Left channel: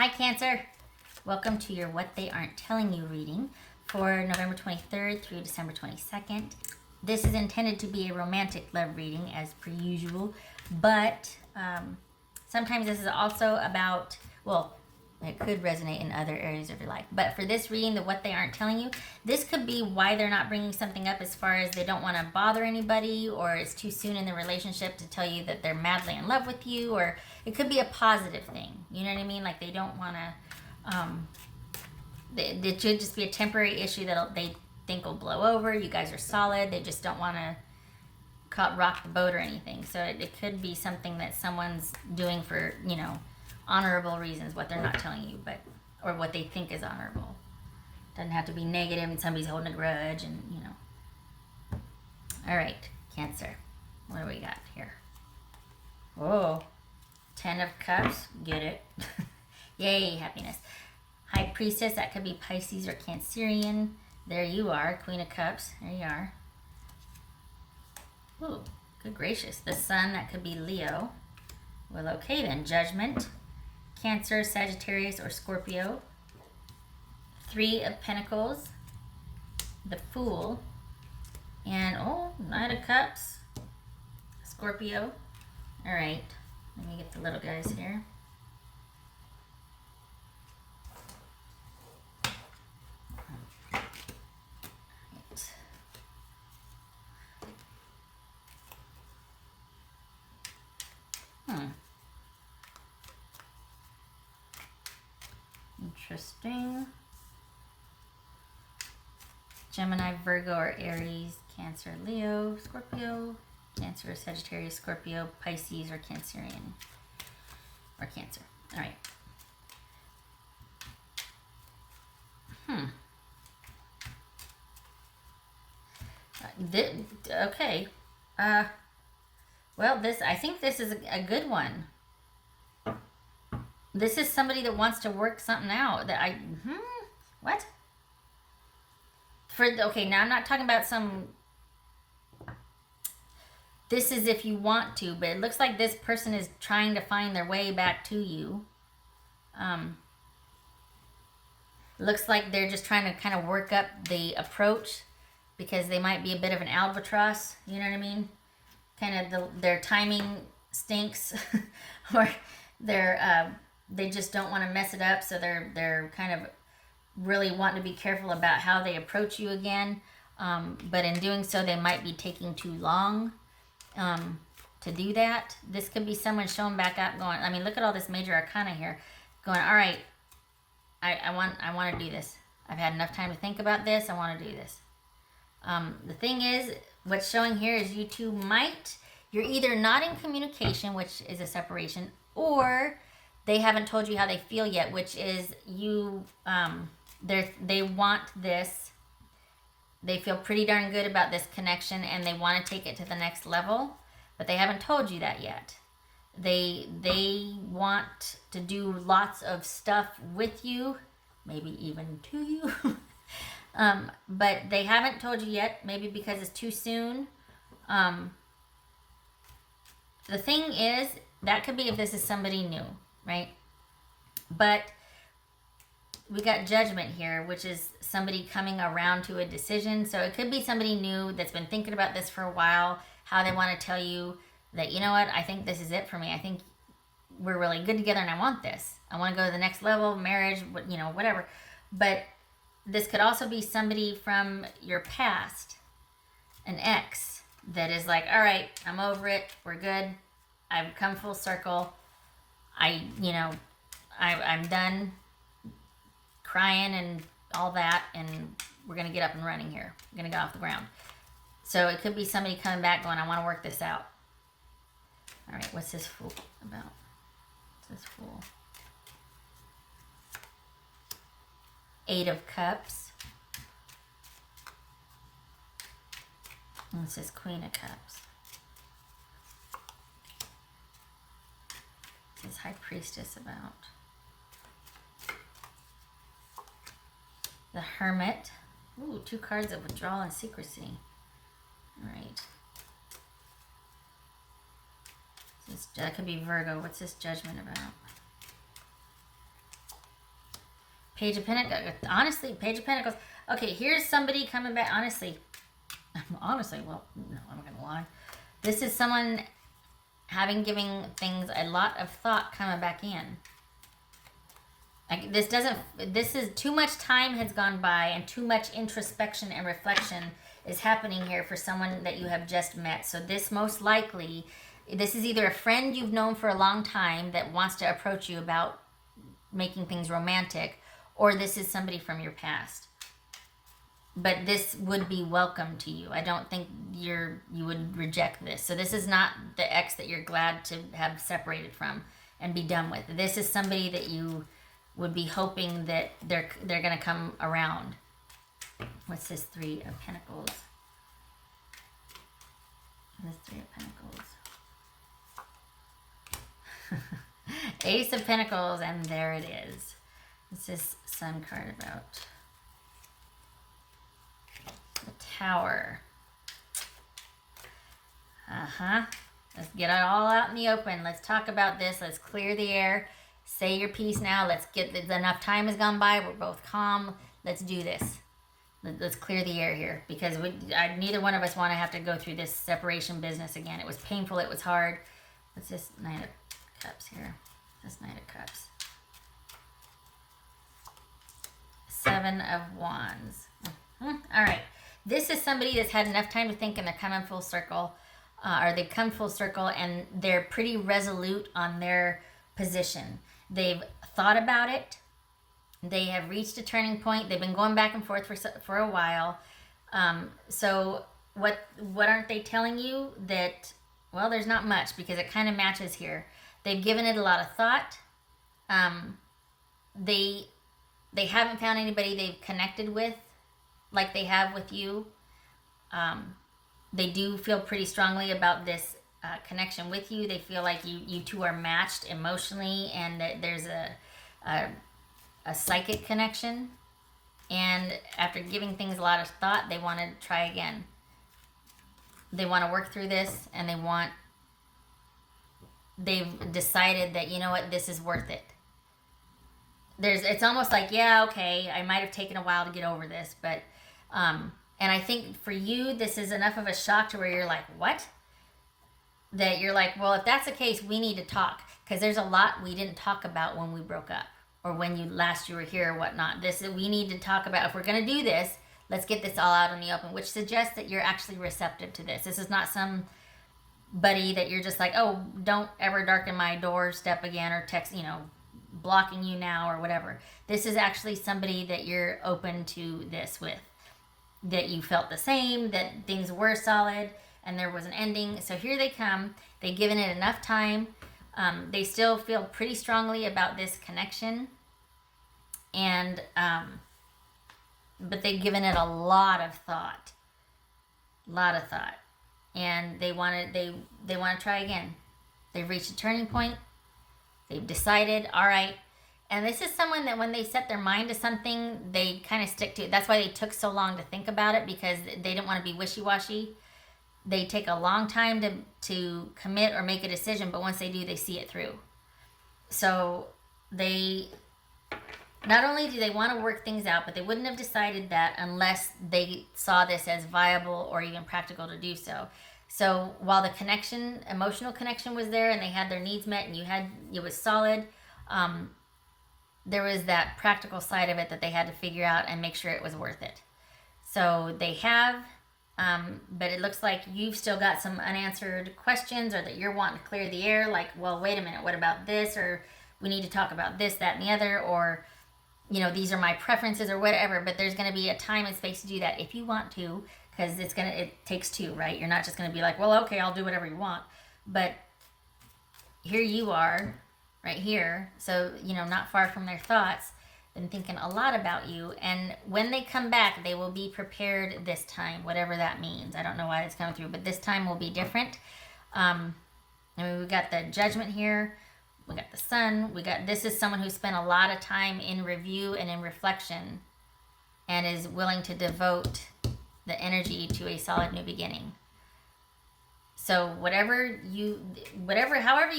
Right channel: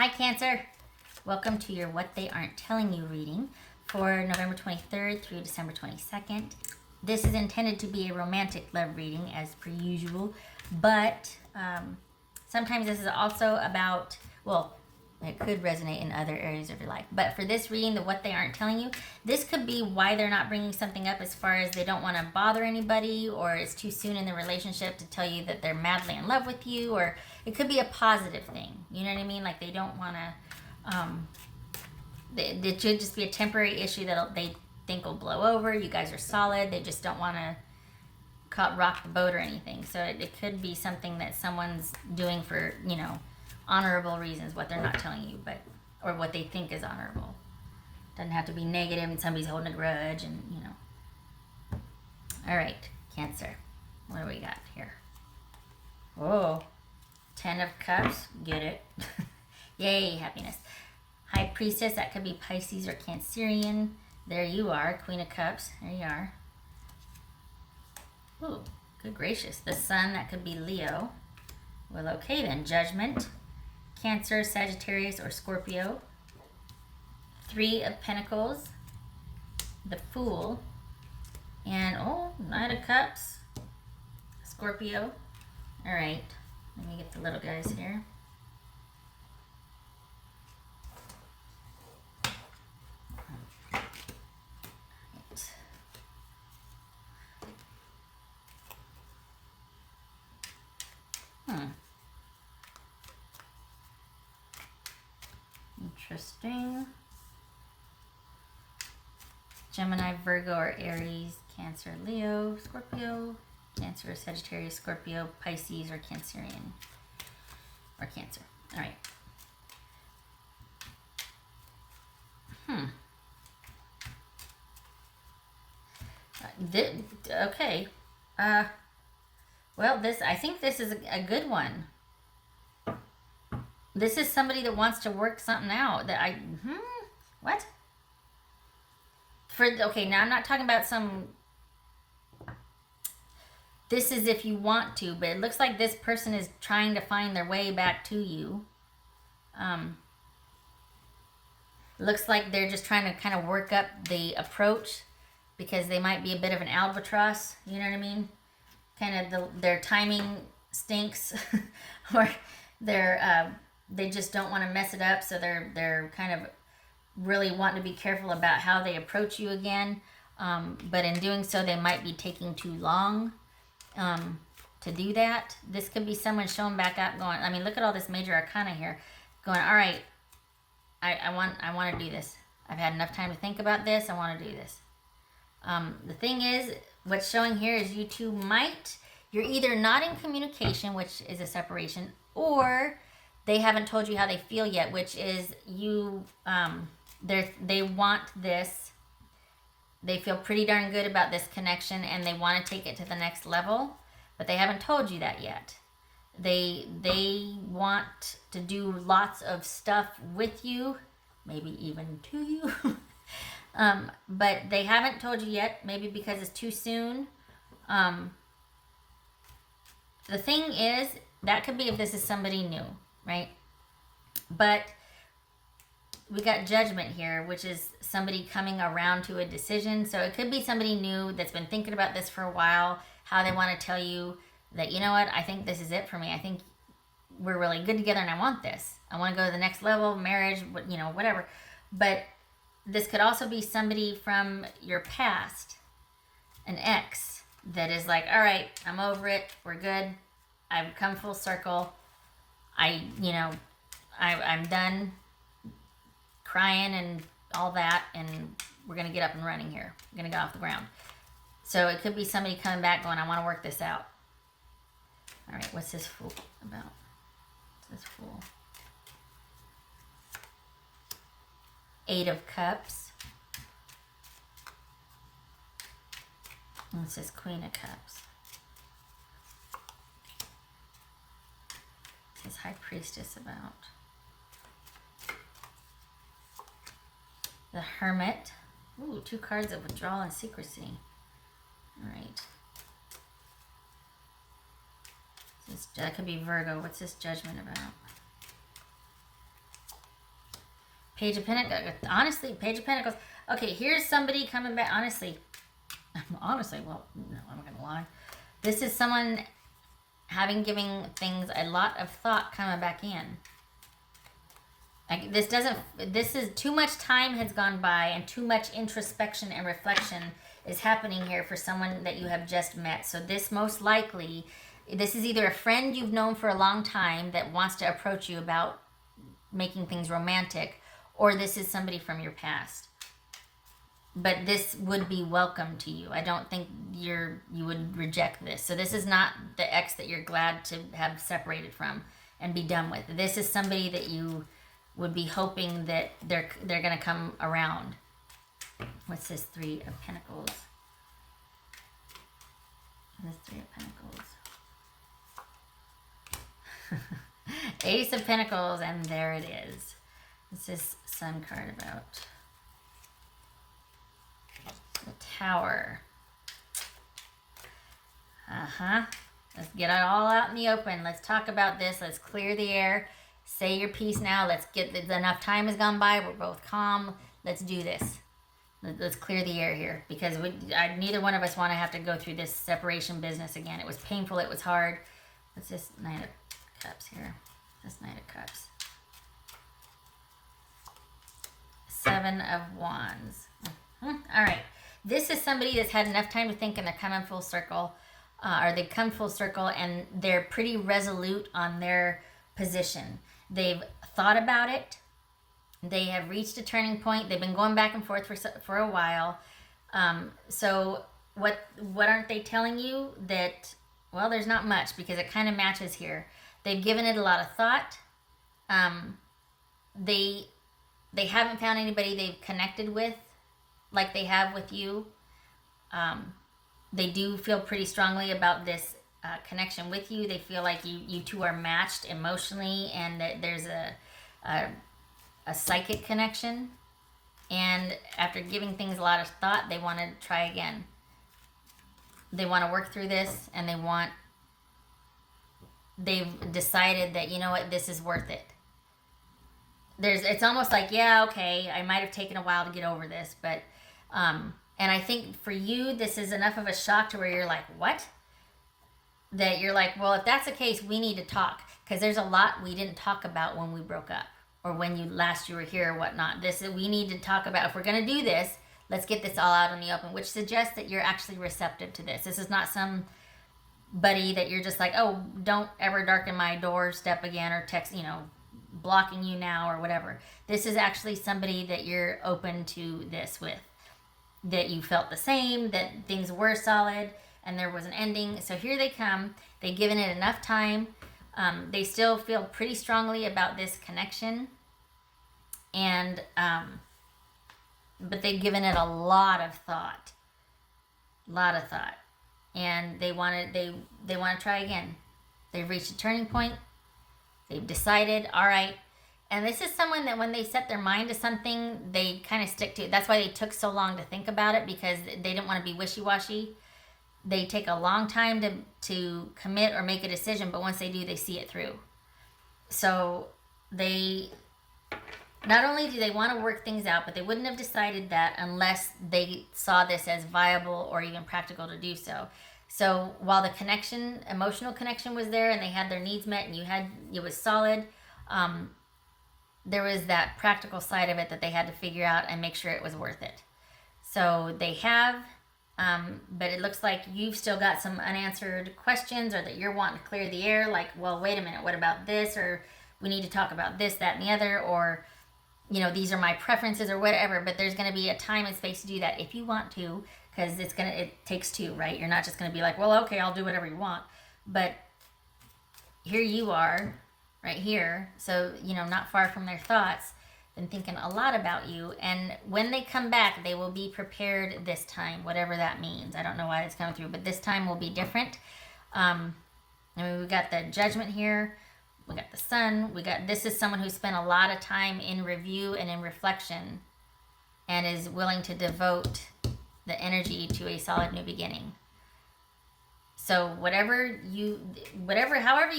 Hi Cancer, welcome to your What They Aren't Telling You reading for November 23rd through December 22nd. This is intended to be a romantic love reading as per usual, but sometimes this is also about, well, it could resonate in other areas of your life. But for this reading, the What They Aren't Telling You, this could be why they're not bringing something up as far as they don't want to bother anybody, or it's too soon in the relationship to tell you that they're madly in love with you, or it could be a positive thing. You know what I mean? Like they don't want to, it should just be a temporary issue that they think will blow over. You guys are solid. They just don't want to rock the boat or anything. So it could be something that someone's doing for, honorable reasons, what they're not telling you, but or what they think is honorable. Doesn't have to be negative and somebody's holding a grudge and All right, Cancer. What do we got here? Oh, 10 of Cups. Get it. Yay, happiness. High Priestess, that could be Pisces or Cancerian. There you are, Queen of Cups. There you are. Ooh, good gracious. The Sun, that could be Leo. Well, okay then. Judgment. Cancer, Sagittarius, or Scorpio. 3 of Pentacles. The Fool. And, Knight of Cups. Scorpio. All right. Let me get the little guys here. Interesting. Gemini, Virgo, or Aries, Cancer, Leo, Scorpio, Cancer, Sagittarius, Scorpio, Pisces, or Cancerian, or Cancer. All right. Okay. Well, I think this is a good one. This is somebody that wants to work something out. What? Okay, now I'm not talking about this is if you want to, but it looks like this person is trying to find their way back to you. Looks like they're just trying to kind of work up the approach because they might be a bit of an albatross. You know what I mean? Kind of their timing stinks, where they just don't want to mess it up, so they're kind of really wanting to be careful about how they approach you again. But in doing so, they might be taking too long to do that. This could be someone showing back up, going, I mean, look at all this major arcana here, going, all right, I want to do this. I've had enough time to think about this. I want to do this. The thing is, what's showing here is you two you're either not in communication, which is a separation, or they haven't told you how they feel yet, which is they want this. They feel pretty darn good about this connection and they want to take it to the next level, but they haven't told you that yet. They want to do lots of stuff with you, maybe even to you. But they haven't told you yet, maybe because it's too soon. The thing is, that could be if this is somebody new, right? But we got Judgment here, which is somebody coming around to a decision. So it could be somebody new that's been thinking about this for a while, how they want to tell you that, you know what, I think this is it for me. I think we're really good together and I want this. I want to go to the next level, marriage, whatever. But this could also be somebody from your past, an ex, that is like, all right, I'm over it. We're good. I've come full circle. I'm done crying and all that, and we're going to get up and running here. We're going to get off the ground. So it could be somebody coming back going, I want to work this out. All right, what's this Fool about? What's this Fool? 8 of Cups. And it says Queen of Cups. What's High Priestess about? The Hermit. Ooh, 2 cards of withdrawal and secrecy. All right. That could be Virgo. What's this Judgment about? Page of Pentacles. Honestly, Page of Pentacles. Okay, here's somebody coming back. Honestly, well, no, I'm not gonna lie. This is someone giving things a lot of thought coming back in. Like this is too much time has gone by and too much introspection and reflection is happening here for someone that you have just met. So this most likely, this is either a friend you've known for a long time that wants to approach you about making things romantic, or this is somebody from your past. But this would be welcome to you. I don't think you would reject this. So this is not the ex that you're glad to have separated from and be done with. This is somebody that you would be hoping that they're going to come around. What's this Three of Pentacles? This Three of Pentacles. Ace of Pentacles, and there it is. This is Sun card about. Tower. Let's get it all out in the open. Let's talk about this. Let's clear the air. Say your piece now. Let's get enough time has gone by. We're both calm. Let's do this. Let's clear the air here because neither one of us want to have to go through this separation business again. It was painful. It was hard. What's this Knight of Cups here? That's Knight of Cups. Seven of Wands. All right. This is somebody that's had enough time to think and they're coming full circle. Or they've come full circle and they're pretty resolute on their position. They've thought about it. They have reached a turning point. They've been going back and forth for a while. So what aren't they telling you? That, well, there's not much because it kind of matches here. They've given it a lot of thought. They haven't found anybody they've connected with like they have with you. They do feel pretty strongly about this connection with you. They feel like you two are matched emotionally and that there's a psychic connection. And after giving things a lot of thought, they want to try again. They want to work through this and they've decided that, you know what, this is worth it. It's almost like, yeah, okay, I might have taken a while to get over this, but and I think for you, this is enough of a shock to where you're like, what? That you're like, well, if that's the case, we need to talk. Because there's a lot we didn't talk about when we broke up. Or when you were here or whatnot. We need to talk about, if we're going to do this, let's get this all out in the open. Which suggests that you're actually receptive to this. This is not somebody that you're just like, oh, don't ever darken my doorstep again or text, blocking you now or whatever. This is actually somebody that you're open to this with. That you felt the same, that things were solid, and there was an ending. So here they come. They've given it enough time. They still feel pretty strongly about this connection. And, but they've given it a lot of thought. And they want to try again. They've reached a turning point. They've decided, all right. And this is someone that when they set their mind to something, they kind of stick to it. That's why they took so long to think about it, because they didn't want to be wishy-washy. They take a long time to commit or make a decision, but once they do, they see it through. So not only do they want to work things out, but they wouldn't have decided that unless they saw this as viable or even practical to do so. So while the emotional connection was there and they had their needs met and it was solid, there was that practical side of it that they had to figure out and make sure it was worth it. So they have, but it looks like you've still got some unanswered questions, or that you're wanting to clear the air, like, well, wait a minute, what about this? Or we need to talk about this, that, and the other, or, these are my preferences or whatever, but there's going to be a time and space to do that if you want to, because it takes two, right? You're not just going to be like, well, okay, I'll do whatever you want. But here you are, right here, so not far from their thoughts, been thinking a lot about you, and when they come back, they will be prepared this time, whatever that means. I don't know why it's coming through, but this time will be different. We've got the Judgment here, we got the Sun, this is someone who spent a lot of time in review and in reflection, and is willing to devote the energy to a solid new beginning. So however you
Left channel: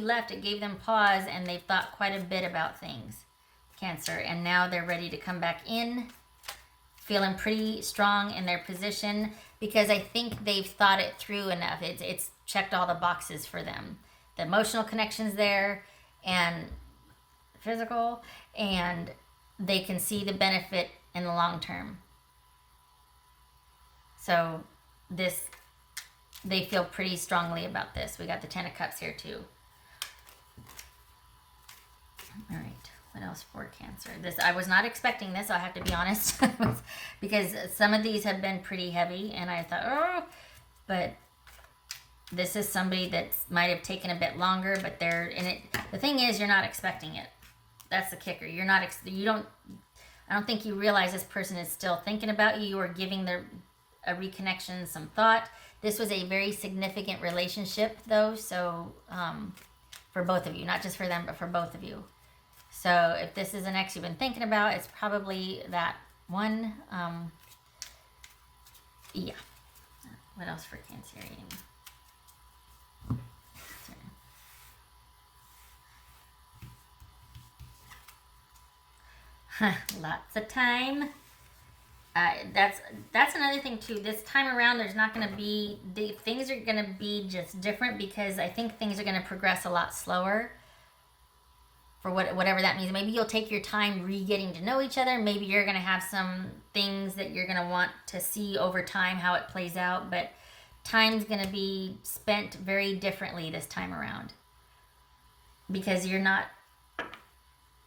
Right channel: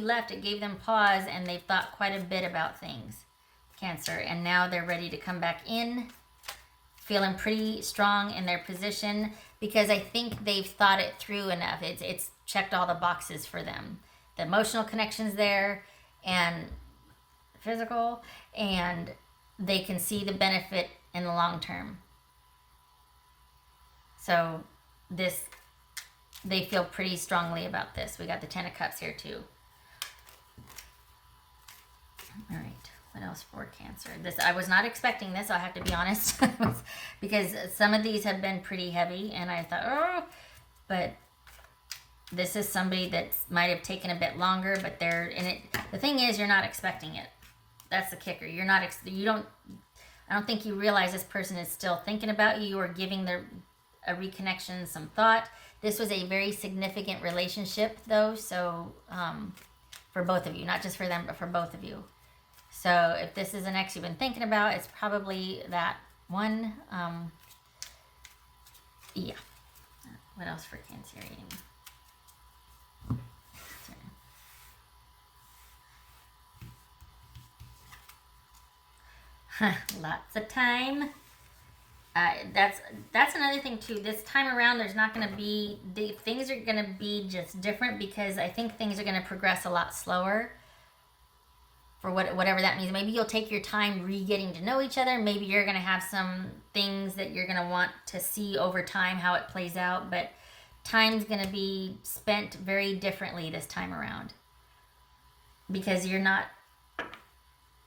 left, it gave them pause, and they've thought quite a bit about things. Cancer, and now they're ready to come back in, feeling pretty strong in their position, because I think they've thought it through enough. It's checked all the boxes for them. The emotional connection's there, and physical, and they can see the benefit in the long term. So they feel pretty strongly about this. We got the Ten of Cups here too. All right. What else for Cancer? I was not expecting this, I'll have to be honest, because some of these have been pretty heavy, and I thought, but this is somebody that might have taken a bit longer, but they're in it. The thing is, you're not expecting it. That's the kicker. I don't think you realize this person is still thinking about you or giving a reconnection some thought. This was a very significant relationship, though, so for both of you, not just for them, but for both of you. So if this is an ex you've been thinking about, it's probably that one. Yeah. What else for Cancer reading? Lots of time. That's another thing too. This time around, there's not going to be, things are going to be just different, because I think things are going to progress a lot slower. For whatever that means. Maybe you'll take your time getting to know each other. Maybe you're going to have some things that you're going to want to see over time, how it plays out. But time's going to be spent very differently this time around. Because you're not...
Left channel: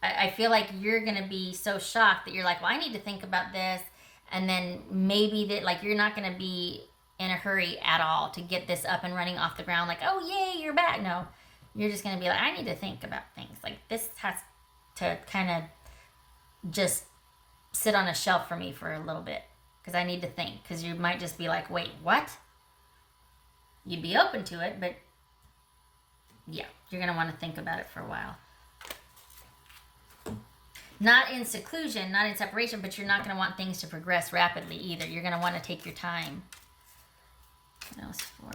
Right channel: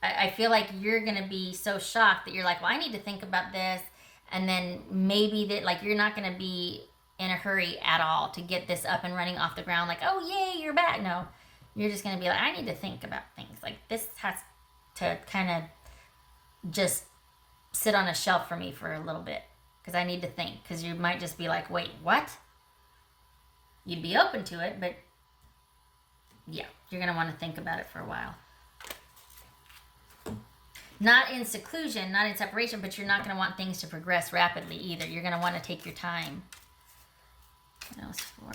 I feel like you're going to be so shocked that you're like, well, I need to think about this. And then maybe that, like, you're not going to be in a hurry at all to get this up and running off the ground. Like, oh, yay, you're back. No. You're just going to be like, I need to think about things. Like, this has to kind of just sit on a shelf for me for a little bit. Because I need to think. Because you might just be like, wait, what? You'd be open to it, but yeah, you're going to want to think about it for a while. Not in seclusion, not in separation, but you're not going to want things to progress rapidly either. You're going to want to take your time. What else for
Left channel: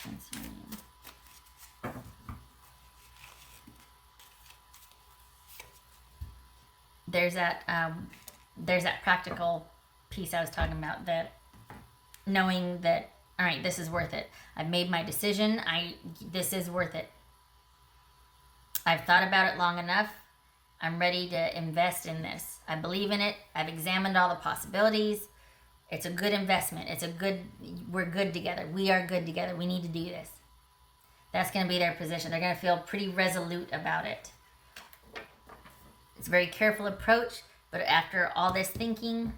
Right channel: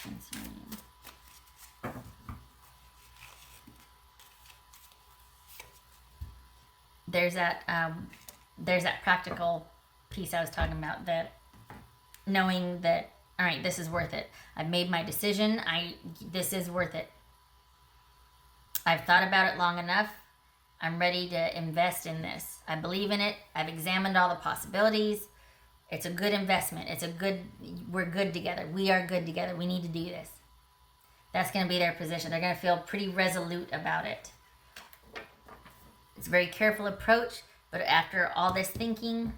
Cancer? There's that practical piece I was talking about, that knowing that, all right, this is worth it. I've made my decision. This is worth it. I've thought about it long enough. I'm ready to invest in this. I believe in it. I've examined all the possibilities. It's a good investment. We're good together. We are good together. We need to do this. That's going to be their position. They're going to feel pretty resolute about it. It's a very careful approach, but after all this thinking,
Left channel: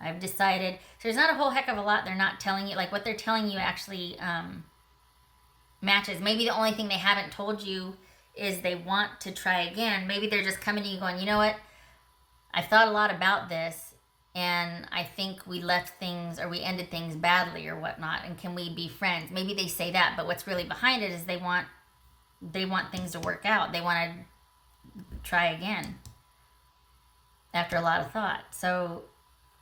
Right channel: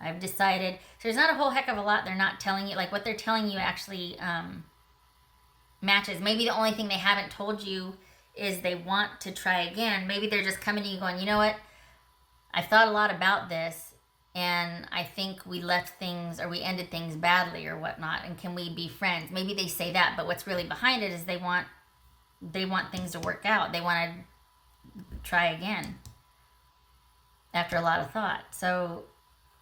I've decided. So there's not a whole heck of a lot they're not telling you. Like, what they're telling you actually matches. Maybe the only thing they haven't told you is they want to try again. Maybe they're just coming to you going, you know what? I thought a lot about this, and I think we left things, or we ended things badly or whatnot, and can we be friends? Maybe they say that, but what's really behind it is they want things to work out. They want to try again after a lot of thought. So,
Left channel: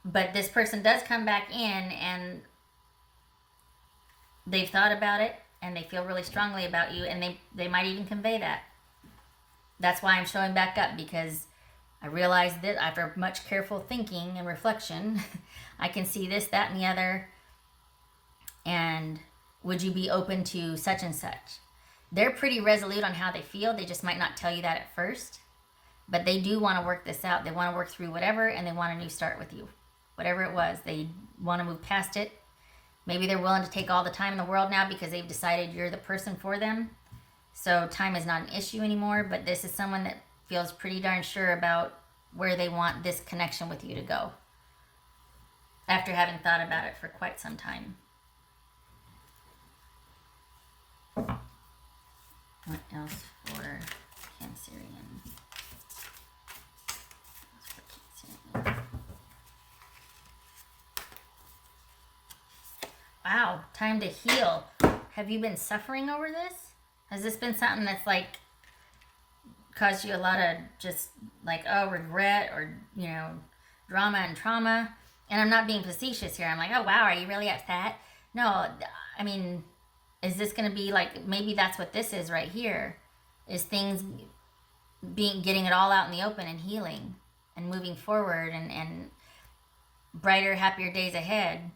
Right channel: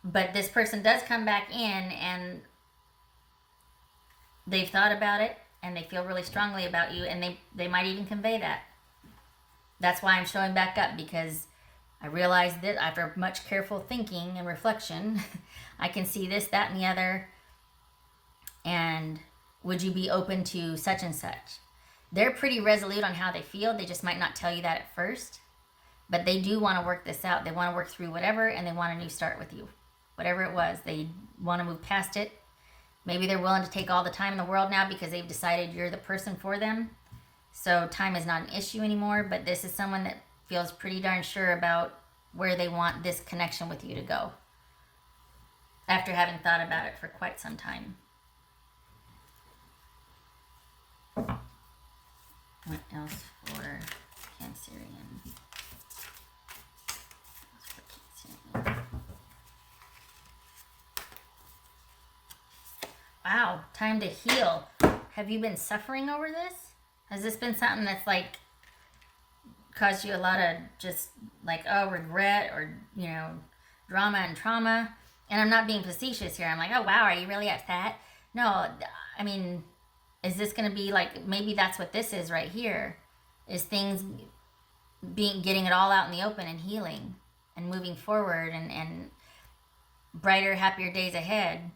but this person does come back in, and they've thought about it, and they feel really strongly about you, and they might even convey that. That's why I'm showing back up, because I realized that after much careful thinking and reflection, I can see this, that, and the other, and would you be open to such and such? They're pretty resolute on how they feel. They just might not tell you that at first, but they do want to work this out. They want to work through whatever, and they want a new start with you. Whatever it was, they want to move past it. Maybe they're willing to take all the time in the world now because they've decided you're the person for them. So time is not an issue anymore, but this is someone that feels pretty darn sure about where they want this connection with you to go, after having thought about it for quite some time. What else for Cancer? Wow, time to heal. Have you been suffering over this? Has this been something that's like caused you a lot of just like, oh, regret, or, you know, drama and trauma? And I'm not being facetious here. I'm like, oh, wow, are you really at that? No, I mean, is this going to be like, maybe that's what this is right here, is things getting it all out in the open and healing and moving forward and brighter, happier days ahead.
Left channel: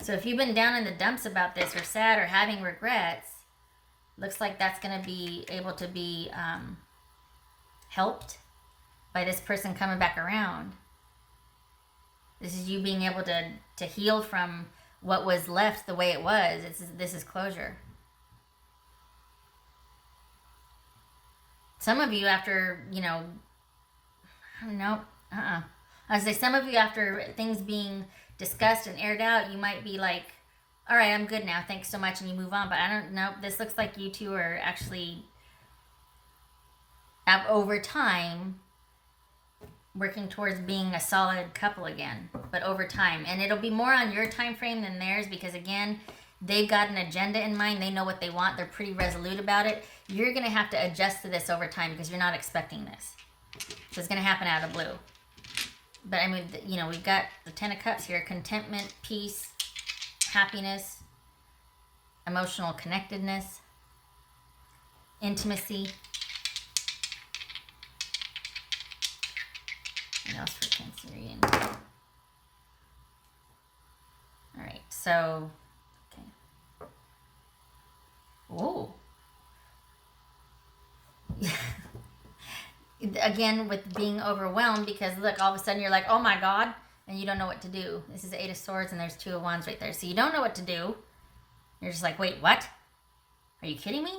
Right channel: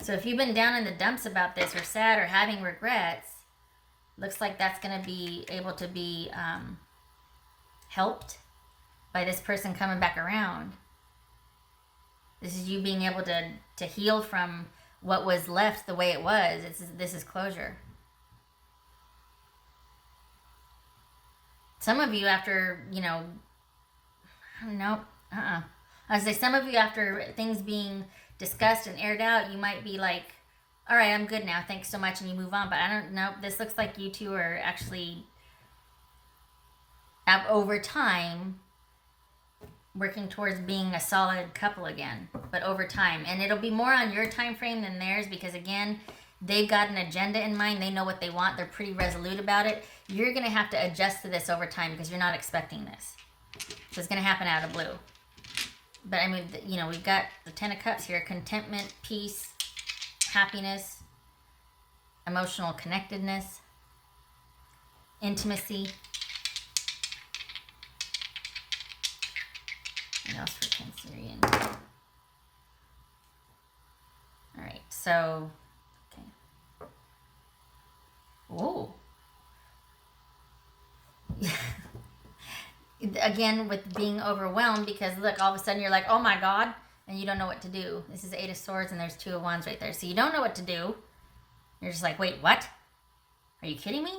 So if you've been down in the dumps about this or sad or having regrets, looks like that's going to be able to be helped by this person coming back around. This is you being able to heal from what was left the way it was. This is closure. Some of you after, nope, I was say some of you after things being discussed and aired out, you might be like, all right, I'm good now. Thanks so much. And you move on. But I don't know. This looks like you two are actually, over time, working towards being a solid couple again. But over time. And it'll be more on your time frame than theirs because, again, they've got an agenda in mind. They know what they want. They're pretty resolute about it. You're going to have to adjust to this over time because you're not expecting this. So it's going to happen out of the blue. But, I mean, we've got the Ten of Cups here. Contentment, peace, happiness, emotional connectedness, intimacy. What else for Cancerian? Alright, so, okay. Oh. Again, with being overwhelmed, because look, all of a sudden you're like, oh my God, and you don't know what to do. This is 8 of Swords, and there's 2 of Wands right there. So you don't know what to do. You're just like, wait, what? Are you kidding me?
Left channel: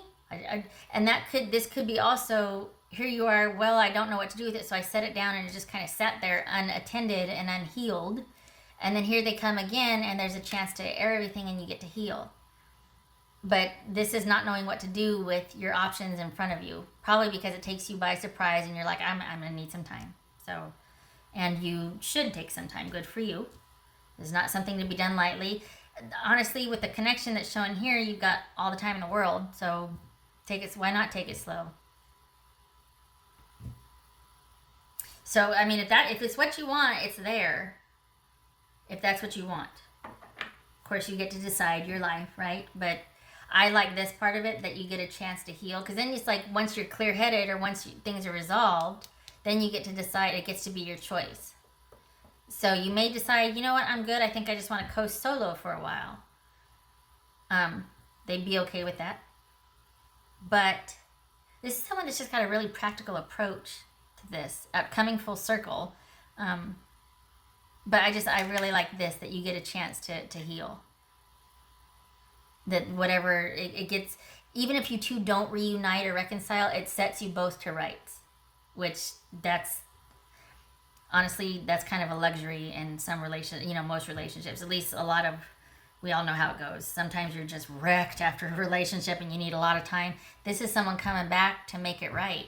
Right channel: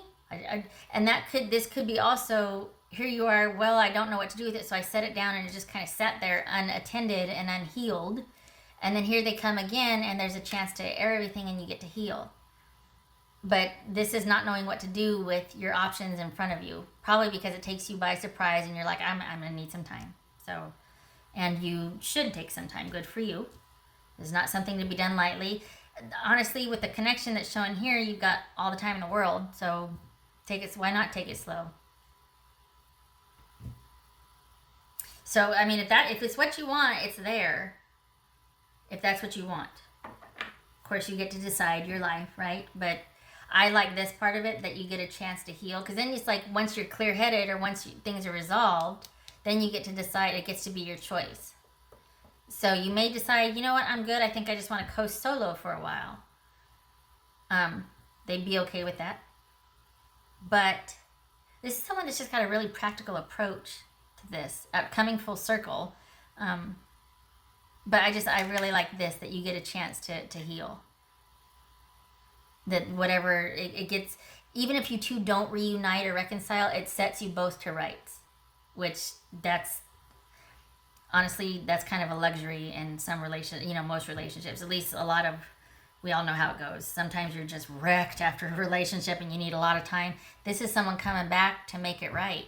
And this could be also, here you are, well, I don't know what to do with it, so I set it down, and it just kind of sat there unattended and unhealed. And then here they come again, and there's a chance to air everything, and you get to heal. But this is not knowing what to do with your options in front of you. Probably because it takes you by surprise and you're like, I'm going to need some time. So, and you should take some time. Good for you. It's not something to be done lightly. Honestly, with the connection that's showing here, you've got all the time in the world. So why not take it slow? So, I mean, if it's what you want, it's there. If that's what you want. Of course, you get to decide your life, right? But I like this part of it, that you get a chance to heal. Because then it's like once you're clear-headed or once things are resolved, then you get to decide. It gets to be your choice. So you may decide, you know what, I'm good. I think I just want to coast solo for a while. They'd be okay with that. But this is someone that's just got a really practical approach to this, coming full circle. But I really like this, that you get a chance to heal. That whatever it gets, even if you two don't reunite or reconcile, it sets you both to rights. Which honestly, that's kind of a luxury in some most relationships. At least we all know how it goes. Sometimes you're just wrecked after a relationship and you need a lot of time. This is someone coming back to make it right.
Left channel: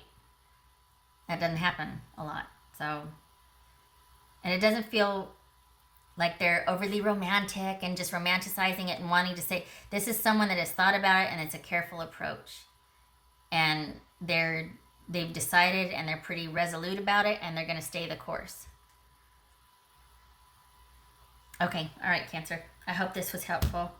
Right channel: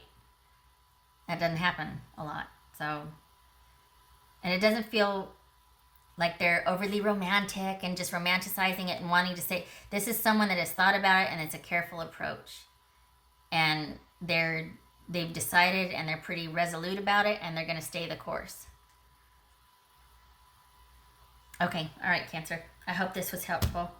That doesn't happen a lot. So, and it doesn't feel like they're overly romantic and just romanticizing it and wanting to say, this is someone that has thought about it and it's a careful approach. And they've decided and they're pretty resolute about it and they're going to stay the course. Okay, all right, Cancer. I hope this was helpful.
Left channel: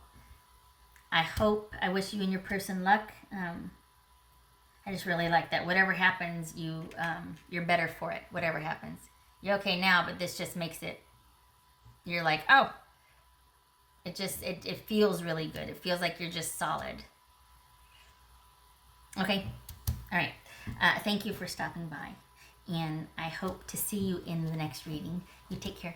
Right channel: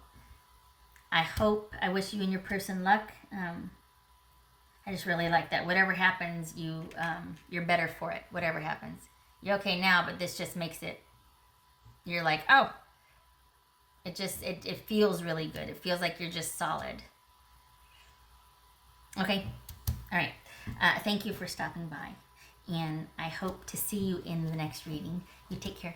I wish you and your person luck. I just really like that. Whatever happens, you're better for it. Whatever happens. You're okay now, but this just makes it, you're like, oh, it feels really good. It feels like you're just solid. Okay. All right. Thank you for stopping by. And I hope to see you in the next reading. You take care.